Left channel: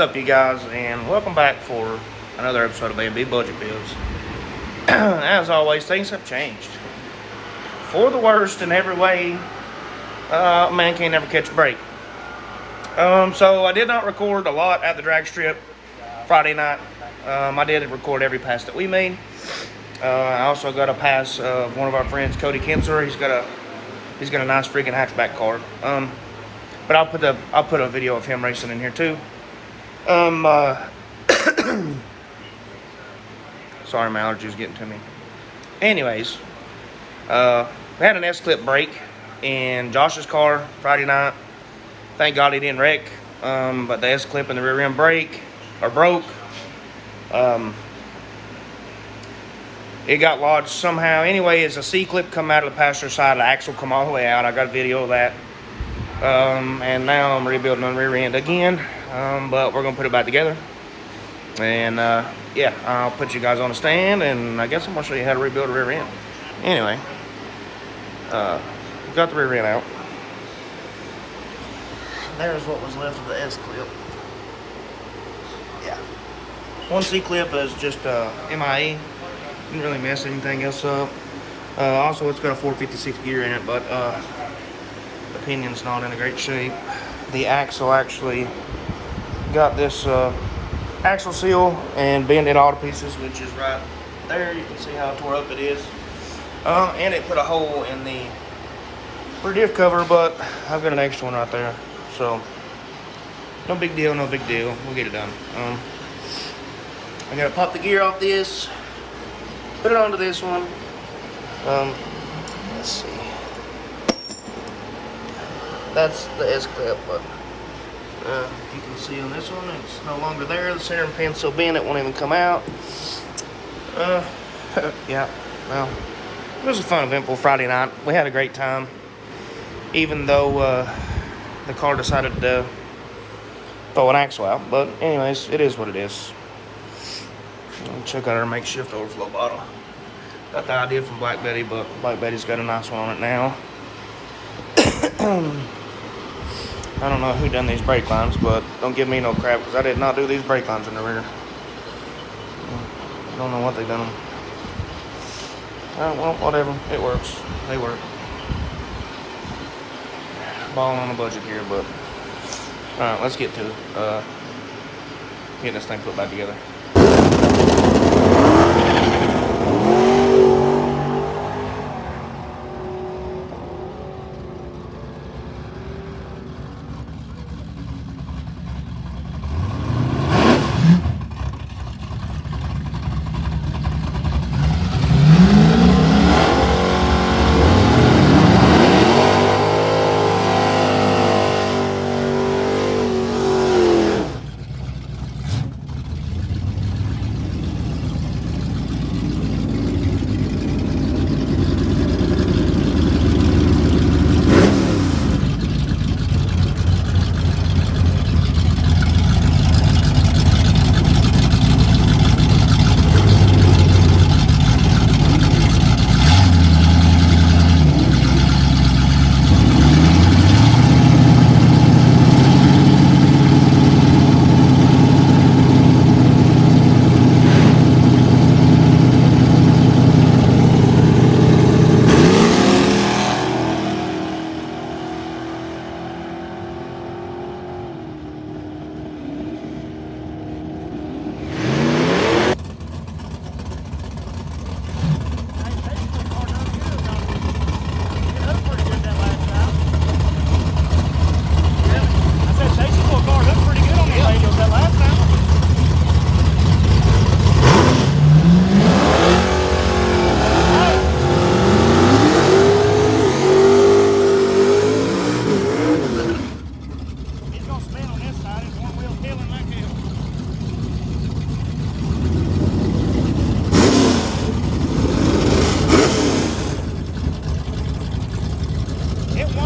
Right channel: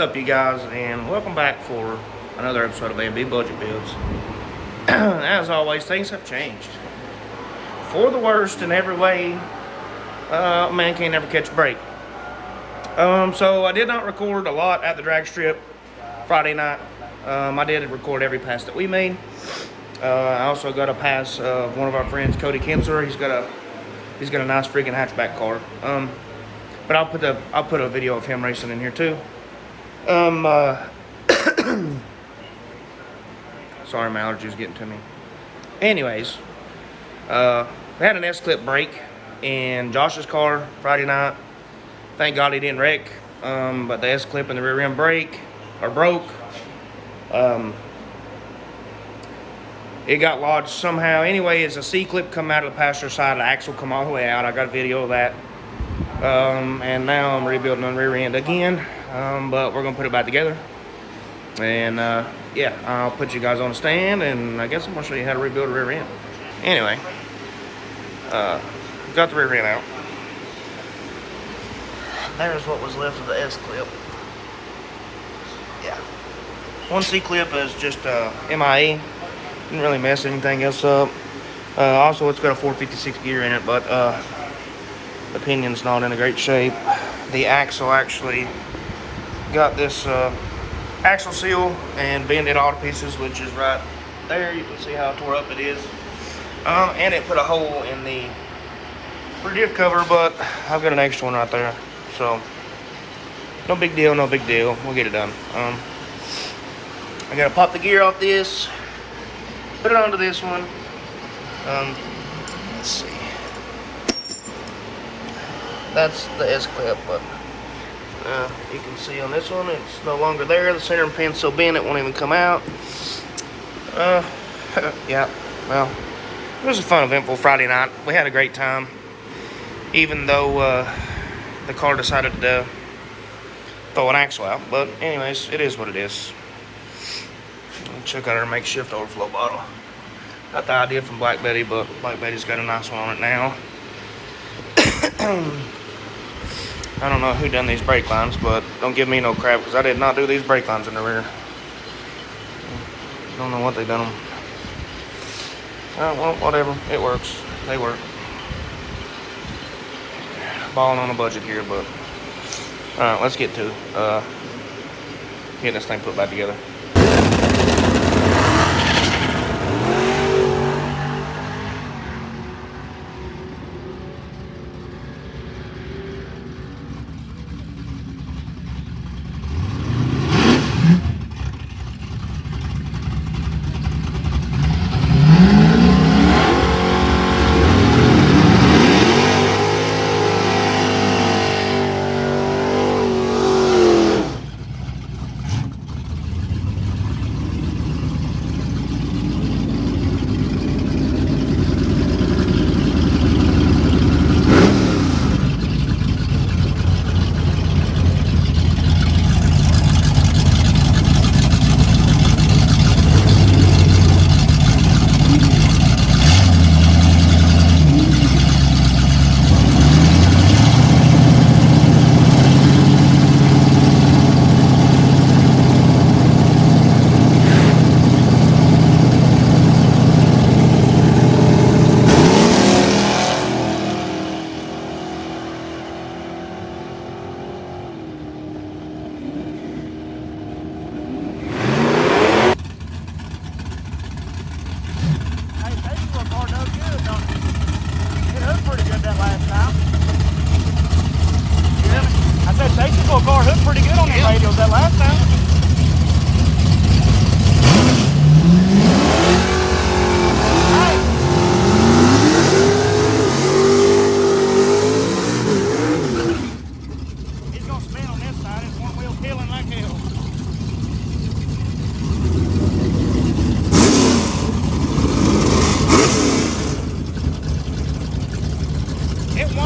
up, you guys, and welcome back for another episode of A&B Budget Builds. As always, things have changed for the worst in every way. Man can't never catch a break. So I did not record a lot at the drag strip Friday night. I did record every pass that we made. I also got a pass of one of our friends, Cody Kinser. He's got a nice freaking hatchback car. But I'll put a video of him racing in here too. Sorry, my allergies getting to me. Anyways, we had an S-clip break in Josh's car Friday night. Thank God he didn't wreck. But the S-clip and the rear end broke. It got lodged somehow. Anyway, as a C-clip come out of the passenger side, the axle come all the way out. I got a video of that. And now I'm rebuilding on the rear end again. But we're gonna put it back together. And yeah, I'll put you guys on a stand, and I guess I'm gonna show you how to rebuild a rear end. Anyway, got the rear end out. There's what was left of the S-clip. Yeah. One C-clip is just MIE. Didn't really mess anything else up. Also, it's got a 456 gear in it, but the pinion's not in a great shape. The axle actually got this axle seal and bent it all to pieces, which is right there. You can see how tore up it is. And it put a hole in the rear diff cover, but I've got an extra one right there. So, no big deal, no big deal. We'll get it done. I gotta pop the gear off this, put it onto this one. Let's see. That's the S-clip, but you can see on this one, it's no longer there. The center pin's so bent it won't even come out. Yeah, well, it was a fun, eventful Friday night. We had a great time, even though the car decided to throw an axle out. But anyways, it is what it is. Check out our makeshift overflow bottle. Got the idea from Black Betty, but Black Betty's got a nice one on it now. I don't know who done these brake lines, but don't give me no crap, because I did not do these brake lines in the rear. Don't know what they done them. Well, whatever. It works. They work. Balling on a budget here, but alright, let's get to getting this thing put back together.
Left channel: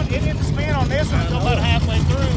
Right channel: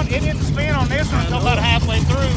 It didn't spin on this one until about halfway through.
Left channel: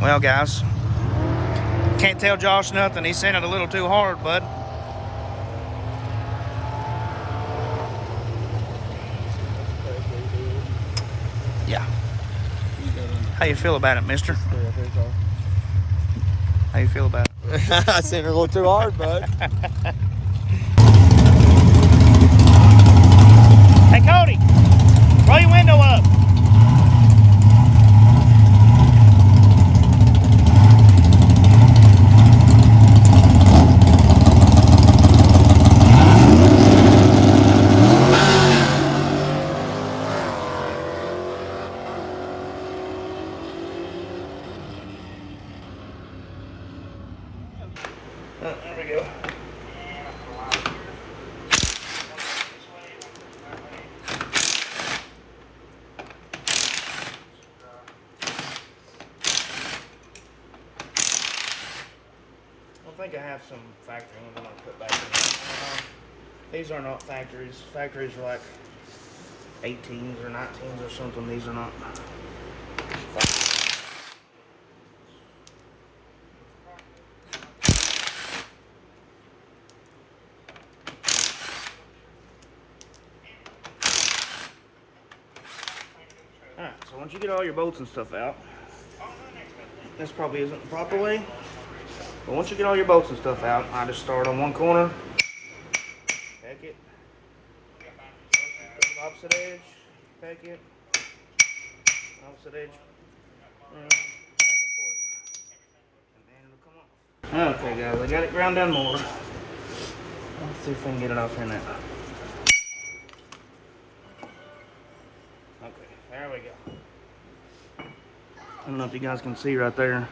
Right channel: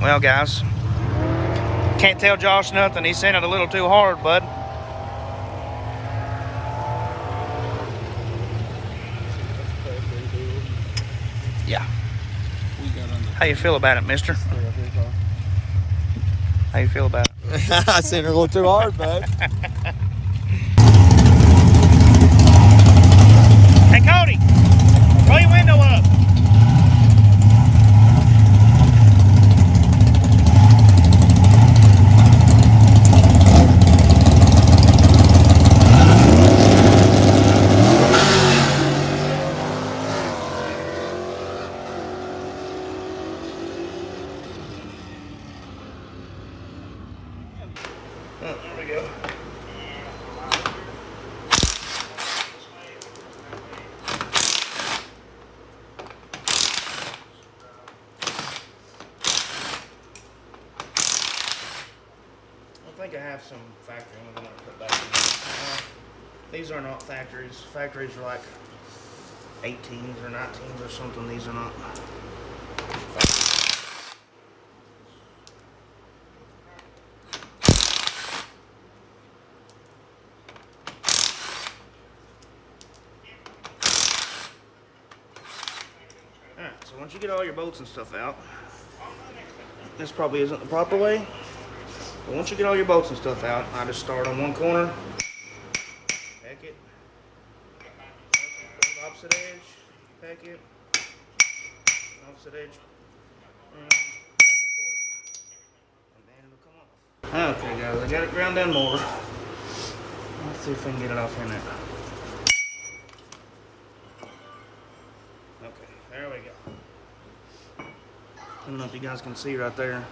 Well, guys, can't tell Josh nothing. He sent it a little too hard, bud. Yeah. How you feel about it, mister? How you feel about it? I sent it a little too hard, bud. Hey, Cody, roll your window up. Oh, there we go. I think I have some factory ones I'm going to put back in. These are not factories. Factories are like 18s or 19s or something. These are not. Alright, so once you get all your bolts and stuff out, this probably isn't the proper way, but once you get all your bolts and stuff out, I just start on one corner, pack it, go to the opposite edge, pack it, opposite edge, and back and forth, and then it'll come off. Okay guys, I got it ground down more. Let's see if we can get it off in there. Okay, there we go. I don't know if you guys can see right there.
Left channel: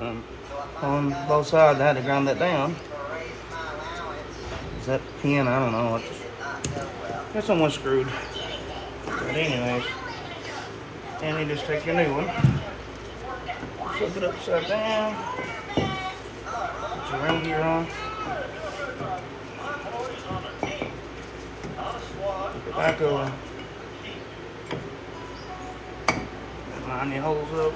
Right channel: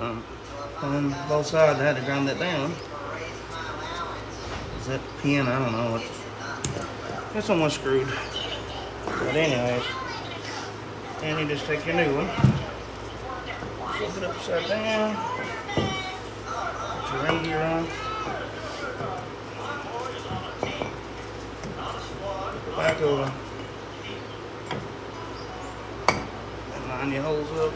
On both sides, I had to ground that down. Is that pin? I don't know. It's almost screwed. But anyways, and you just take your new one, flip it upside down, put your ring gear on, flip it back over, and line your holes up.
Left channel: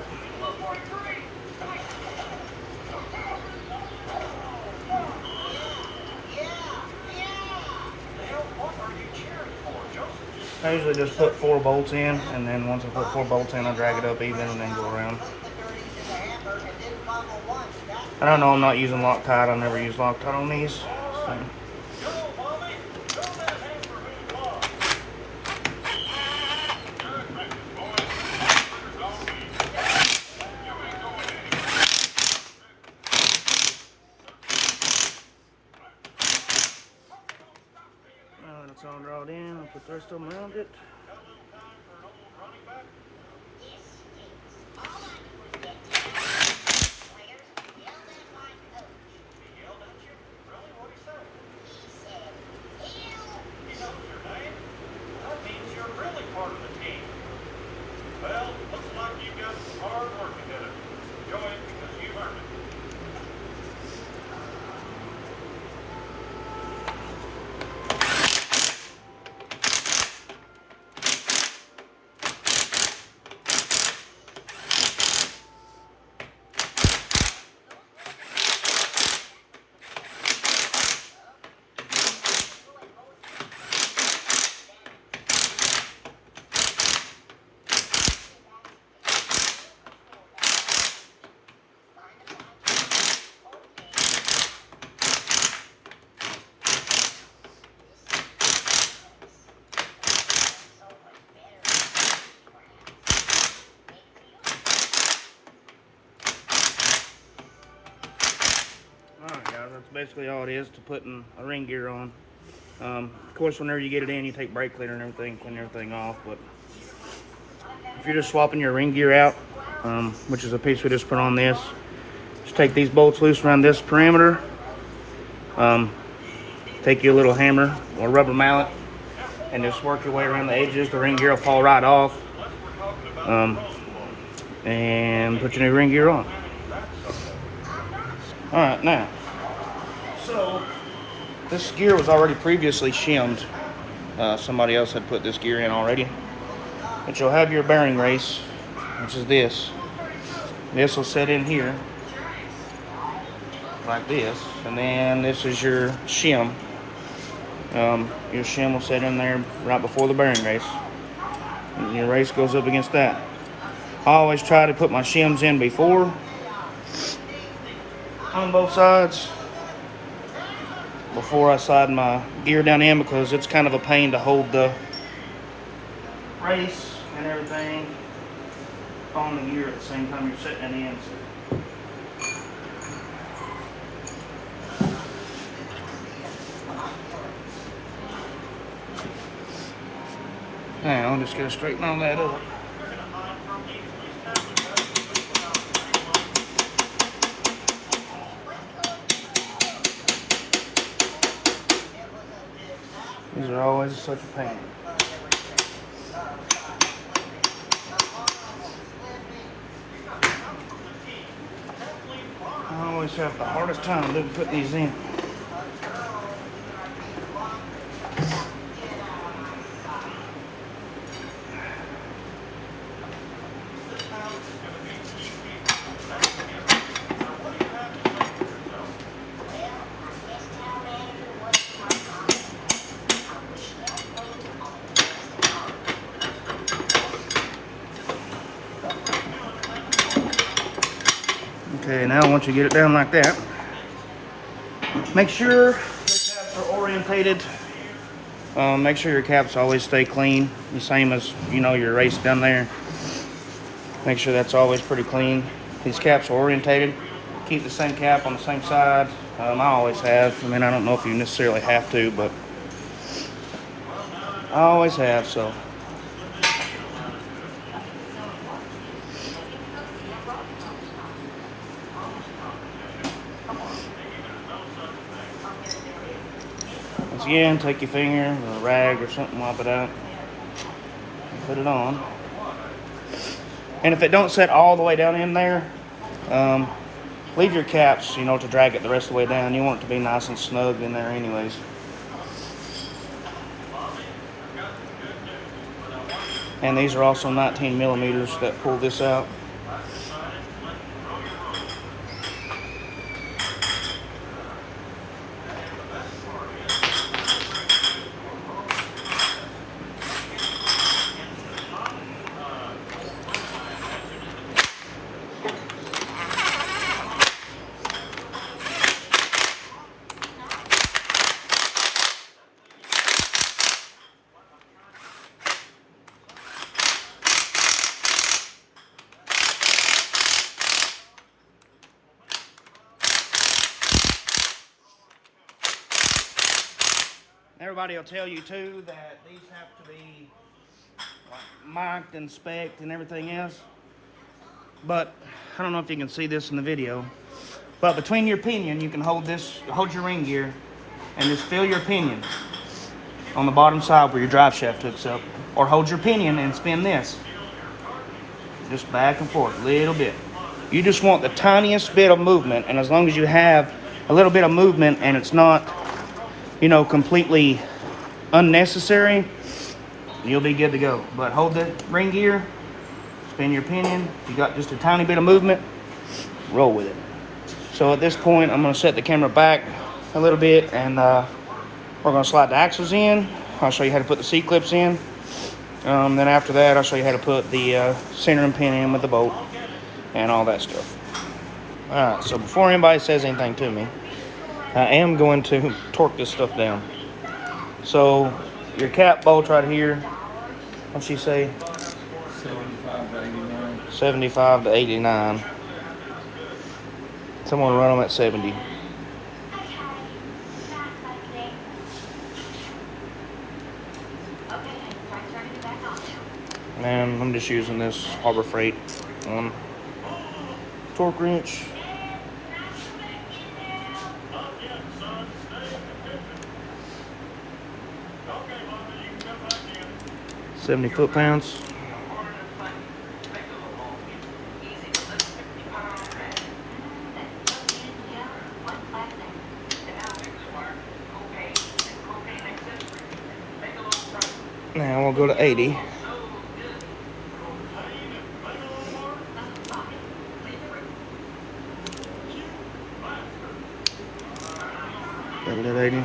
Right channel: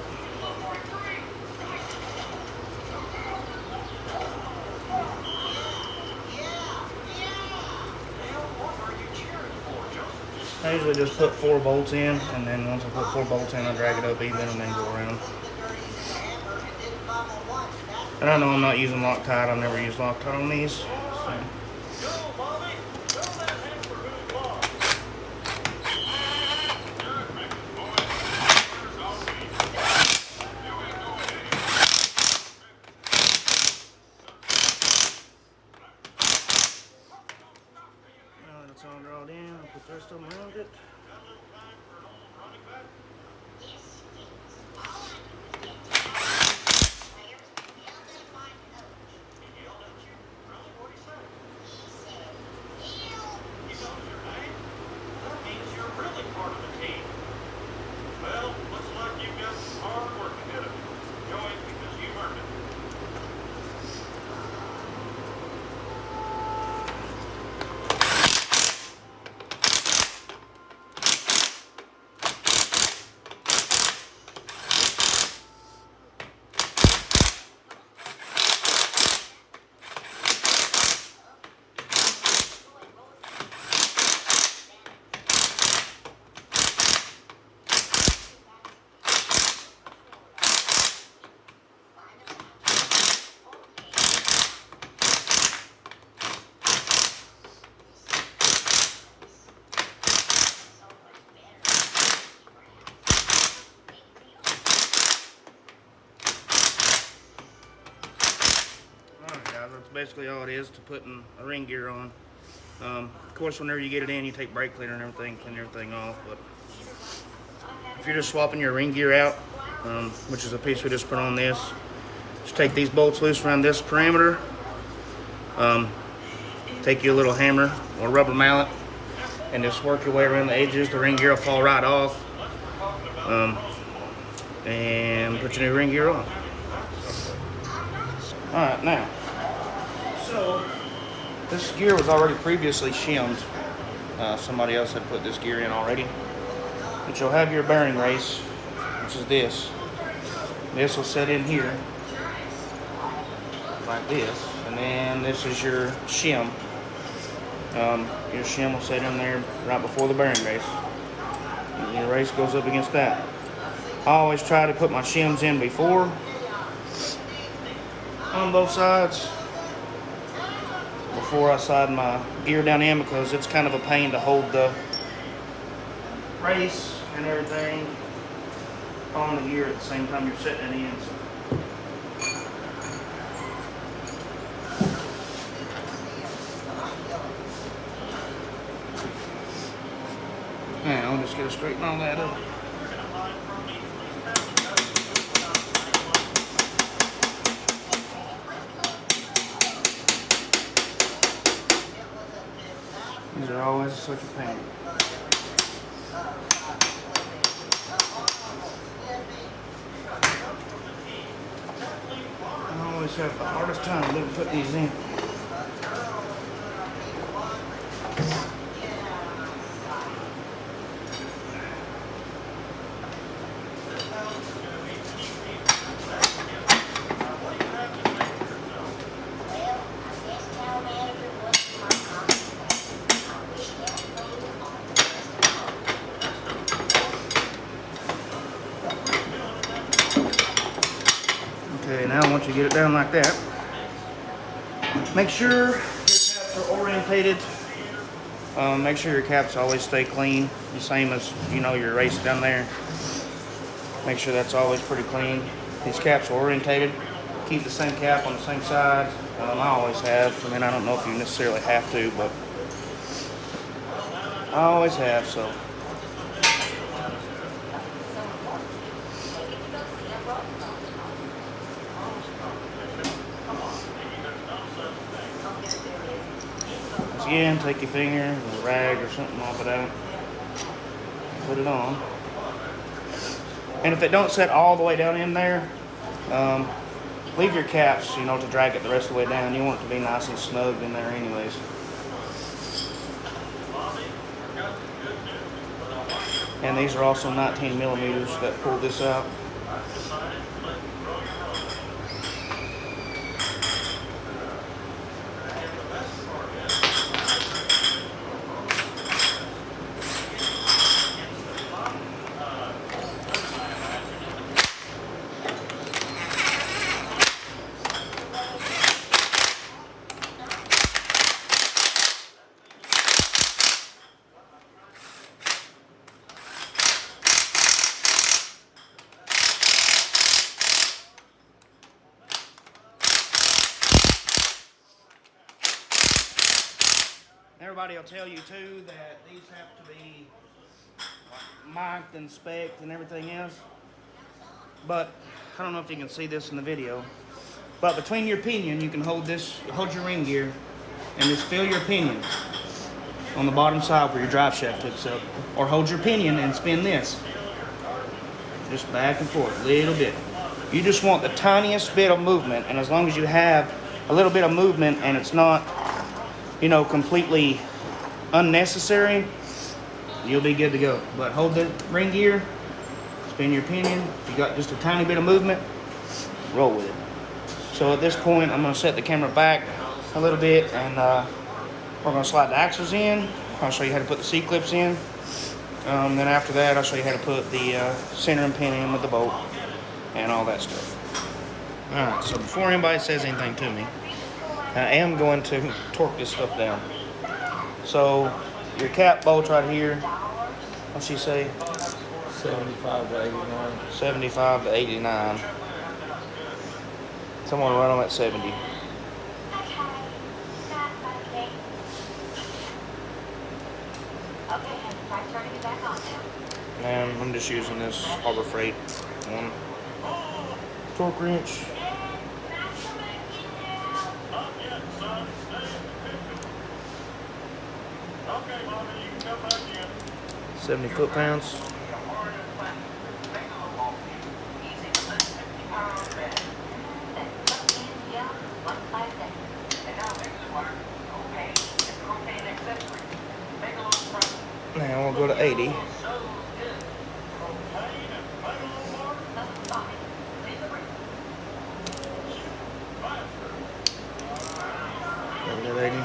I usually just put 4 bolts in, and then once I put 4 bolts in, I drag it up even and then go around. I don't know, I'm not using Loctite. I've never used Loctite on these. So. It's all drawn in. I'll put the rest of them around it. That's basically all it is to putting a ring gear on. Of course, whenever you get it in, you take brake cleaner and everything, clean everything off. But if you're just swapping your ring gear out, which is a piece we just put on this, just take these bolts loose around this perimeter. Take your little hammer or rubber mallet and just work your way around the edges. The ring gear will fall right off. And put your new ring gear on. Alright, now, so this gear was already previously shimmed. Somebody else had put this gear in already. But you'll have your bearing race, which is this. This will sit in here like this, and then this is your shim. Your shim will sit in there right before the bearing race. And your race goes up against that. I always try to put my shims in before on both sides before I slide my gear down in, because it's kind of a pain to hold the race and everything on the gear at the same time you're setting it in. Now I'm just gonna straighten all that up. These are always such a pain. I always have the hardest time putting these in. Okay, now once you get it down like that, make sure your caps are orientated. Make sure your caps always stay clean, the same as your race down there. Make sure that's always pretty clean. These caps are orientated. Keep the same cap on the same side. I always have. I mean, I don't know if you necessarily have to, but I always have. So. Once again, take your finger, or a rag or something like that, put it on. And if it don't set all the way down in there, leave your caps, to drag it the rest of the way down. You want it to be nice and snug in there anyways. And these are also 19 millimeters that pull this out. Everybody will tell you too that these have to be marked and spec'd and everything else. But I don't know if you can see this in the video. But between your pinion, you can hold your ring gear, and just feel your pinion on the bottom side where your drive shaft hooks up. Or hold your pinion and spin this. Just back and forth a little bit. You just want the tiniest bit of movement, and as long as you have a little bit of movement and it's not completely unnecessary, you'll be good to go. But hold the ring gear, spin your pinion. If you got just a tiny bit of movement, roll with it. So at this point, I'm going to set the camera back a little bit, and we're going to slide the axles in. I'll show you how to put the C-clips in. Then after that, I'll show you how to put the centering pin in with the bolt and all that stuff. Alright, so before anybody says anything to me, I am going to torque this stuff down. So your cap bolt right here, what's she say? 75 to 89. 75 to 89. Someone run them at 70. And I'm just using this Harbor Freight torque wrench. 70 foot-pounds. Now we'll go to 80. Good lady.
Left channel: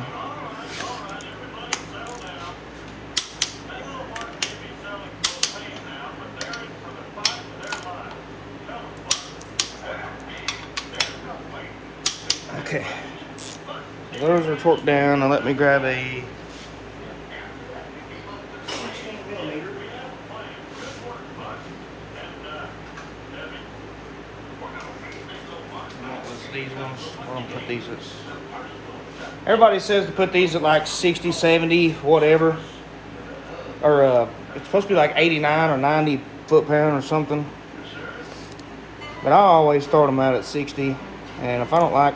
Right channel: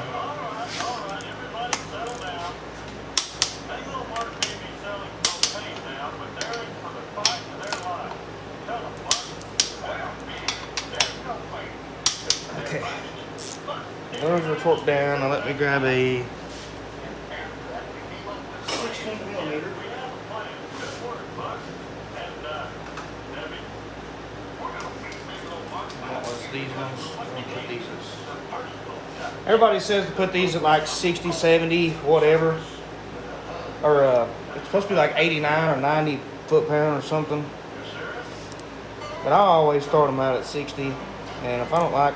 Okay. Those are torqued down, and let me grab a 16mm. What was these ones? I'll put these. Everybody says to put these at like 60, 70, whatever. Or it's supposed to be like 89 or 90 foot-pound or something. But I always start them out at 60. And if I don't like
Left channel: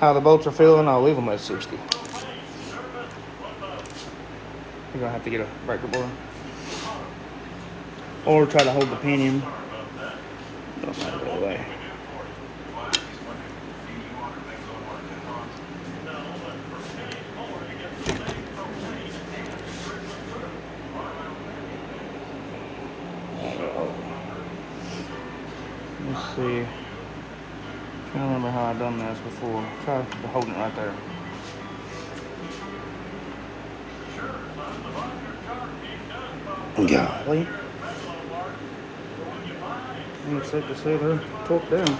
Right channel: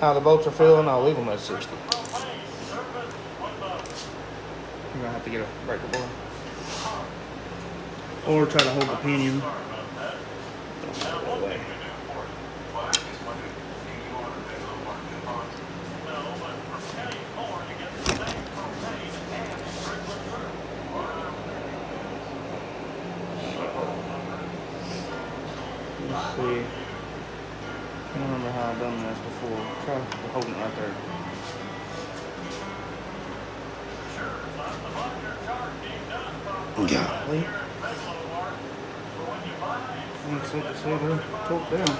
how the bolts are feeling, I'll leave them at 60. You're gonna have to get a breaker bar. Or try to hold the pinion. Let's put it away. Let's see. I can't remember how I've done this before. Try holding it right there. Golly. Looks like this over torqued down.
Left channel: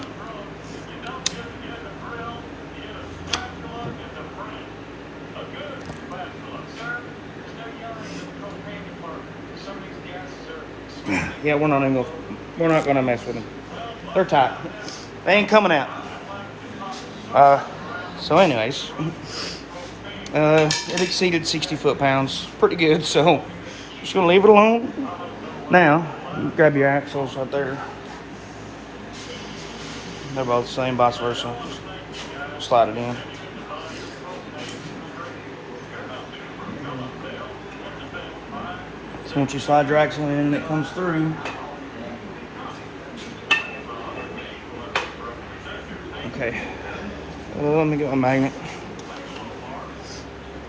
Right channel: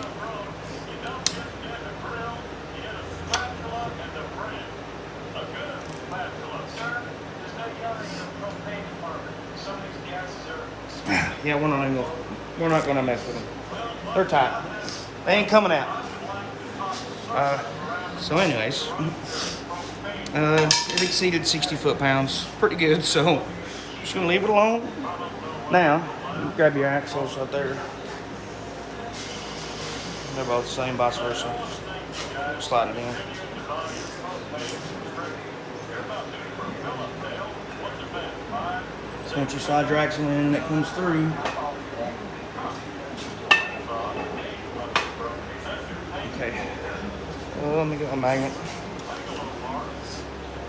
Yeah, we're not gonna mess with them. They're tight. They ain't coming out. So anyways, it exceeded 60 foot-pounds. Pretty good, so just gonna leave it alone. Now, you grab your axles right there. They're both the same, vice versa. Just slide it in. So once you slide your axle in and it comes through, okay. Well, let me get a magnet.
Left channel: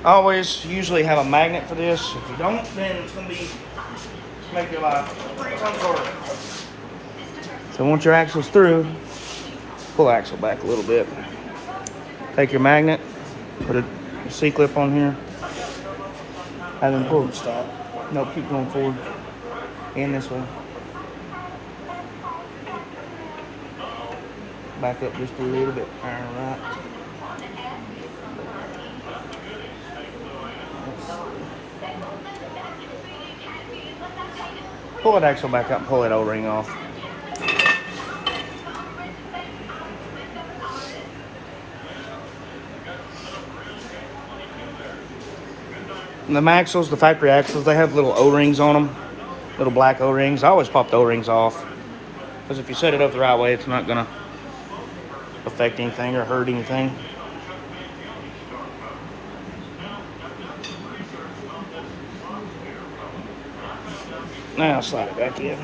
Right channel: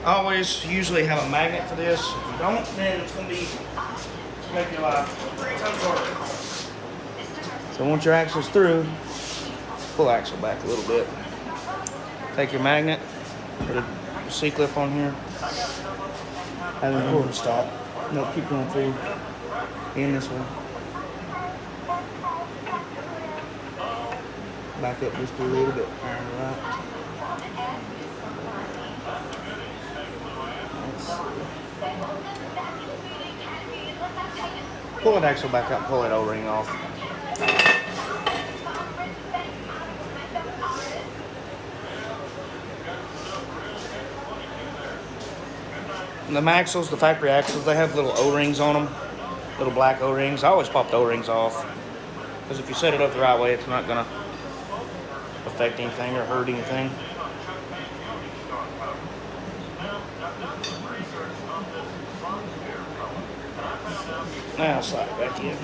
I always usually have a magnet for this. If you don't, then it's gonna make your life uncomfortable. So once your axle's through, pull the axle back a little bit. Take your magnet, put a C-clip on here, and then pull the stop. Nope, keep going forward. And this way. Back up just a little bit. Alright. Pull that axle back up, pull that O-ring off. And the axles, the factory axles, they have little O-rings on them. Little black O-rings. I always pop the O-rings off. Because if you set it up the right way, it's not going to affect anything or hurt anything. Now slide it back together.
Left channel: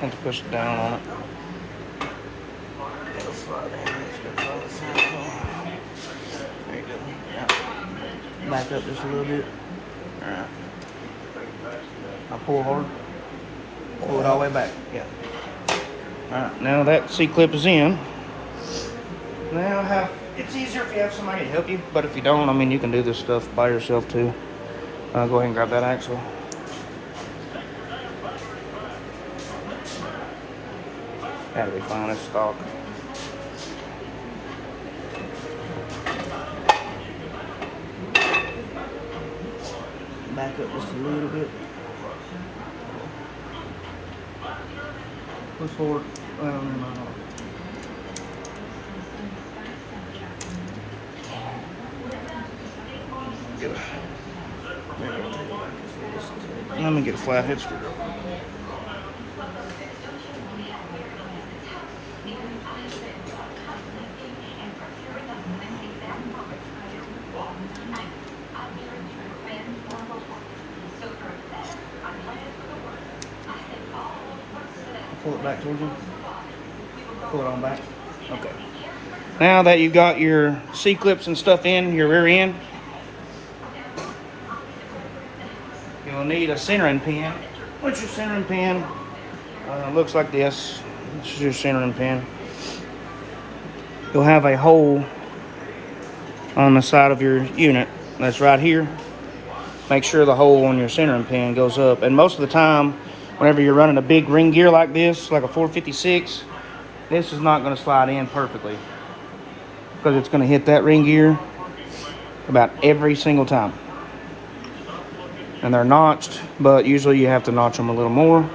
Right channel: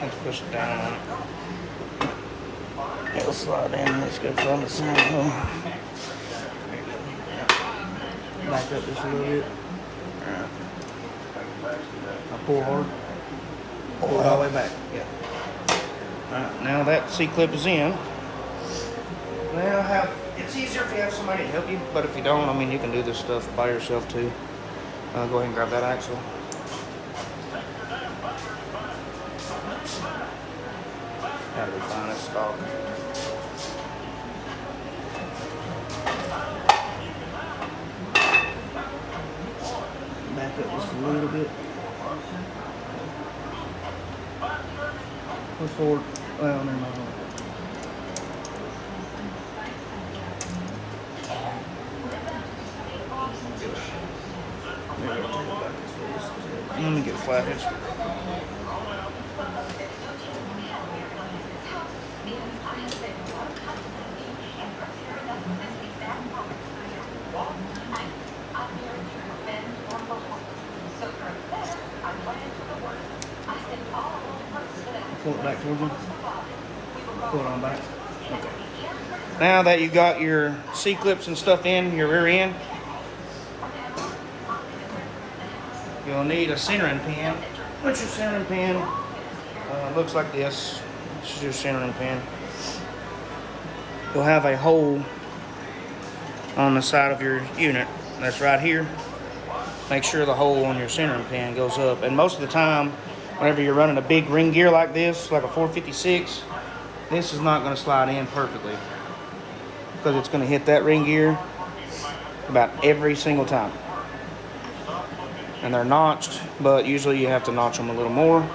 Let's push it down on it. It'll slide in. Let's go for the side one. There you go. Yeah. Back up just a little bit. Alright. Now pull hard. Pull it all the way back. Yeah. Alright, now that C-clip is in. Now it's easier if you have somebody to help you, but if you don't, I mean, you can do this stuff by yourself too. Go ahead and grab that axle. That'll be fine, it's stock. Back up just a little bit. Push forward. Well, never mind. Maybe I'll take it back this way. Let me get flatted. Pull it back towards you. Pull it on back. Okay. Now that you've got your C-clips and stuff in your rear end, you'll need a centering pin. What's your centering pin? It looks like this. This is your centering pin. You'll have a hole on the side of your unit. That's right here. Make sure the hole on your centering pin goes up. And most of the time, whenever you're running a big ring gear like this, like a 456, this is not going to slide in perfectly, because it's going to hit that ring gear about every single time. And they're notched, but usually you have to notch them a little more.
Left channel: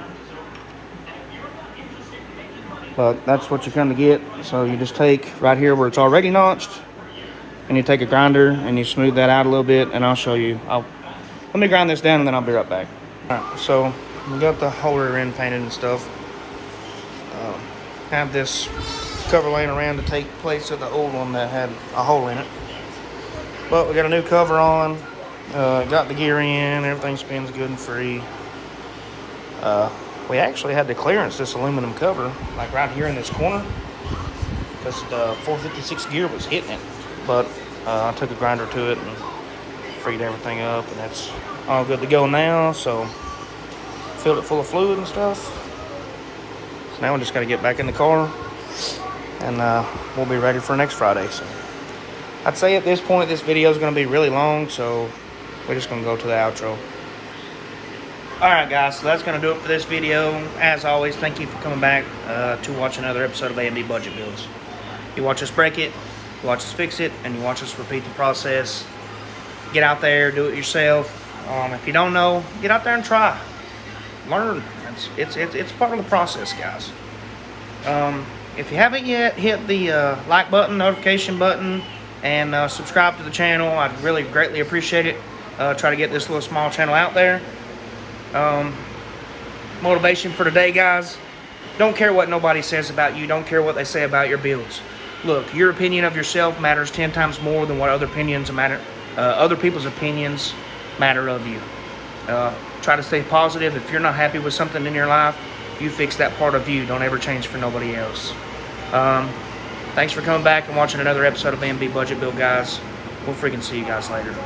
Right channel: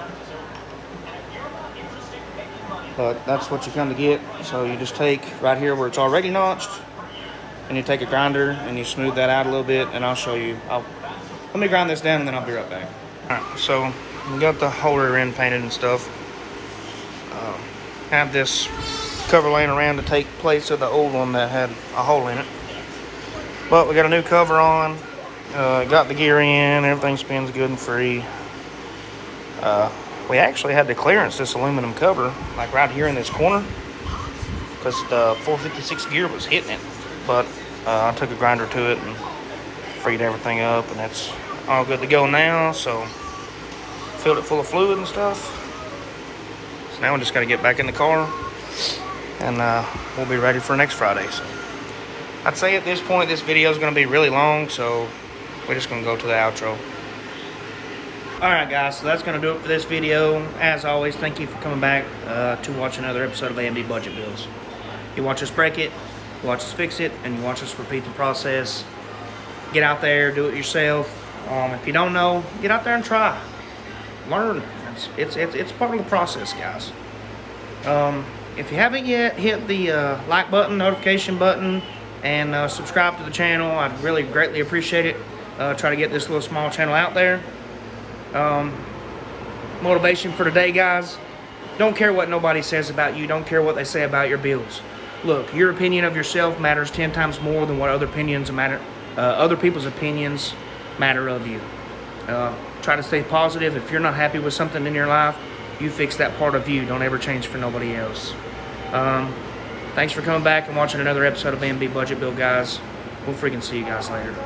But that's what you kind of get. So you just take right here where it's already notched, and you take a grinder and you smooth that out a little bit, and I'll show you. Let me grind this down and then I'll be right back. Alright, so we got the whole rear end painted and stuff. Have this cover laying around to take place of the old one that had a hole in it. But we got a new cover on. Got the gear in, everything spins good and free. We actually had to clearance this aluminum cover, like right here in this corner, because the 456 gear was hitting it. But I took a grinder to it and freed everything up, and it's all good to go now. So filled it full of fluid and stuff. So now we just got to get back in the car, and we'll be ready for next Friday. So I'd say at this point this video is going to be really long, so we're just going to go to the outro. Alright guys, so that's going to do it for this video. As always, thank you for coming back to watch another episode of A&B Budget Builds. You watch us break it, you watch us fix it, and you watch us repeat the process. Get out there, do it yourself. If you don't know, get out there and try. Learn. It's part of the process, guys. If you haven't yet, hit the like button, notification button, and subscribe to the channel. I'd really greatly appreciate it. Try to get this little small channel out there. Motivation for today, guys. Don't care what nobody says about you. Don't care what they say about your builds. Look, your opinion of yourself matters 10 times more than what other people's opinions matter of you. Try to stay positive. If you're not happy with something in your life, you fix that part of you. Don't ever change for nobody else. Thanks for coming back and watching another episode of A&B Budget Build, guys. We'll freaking see you guys later.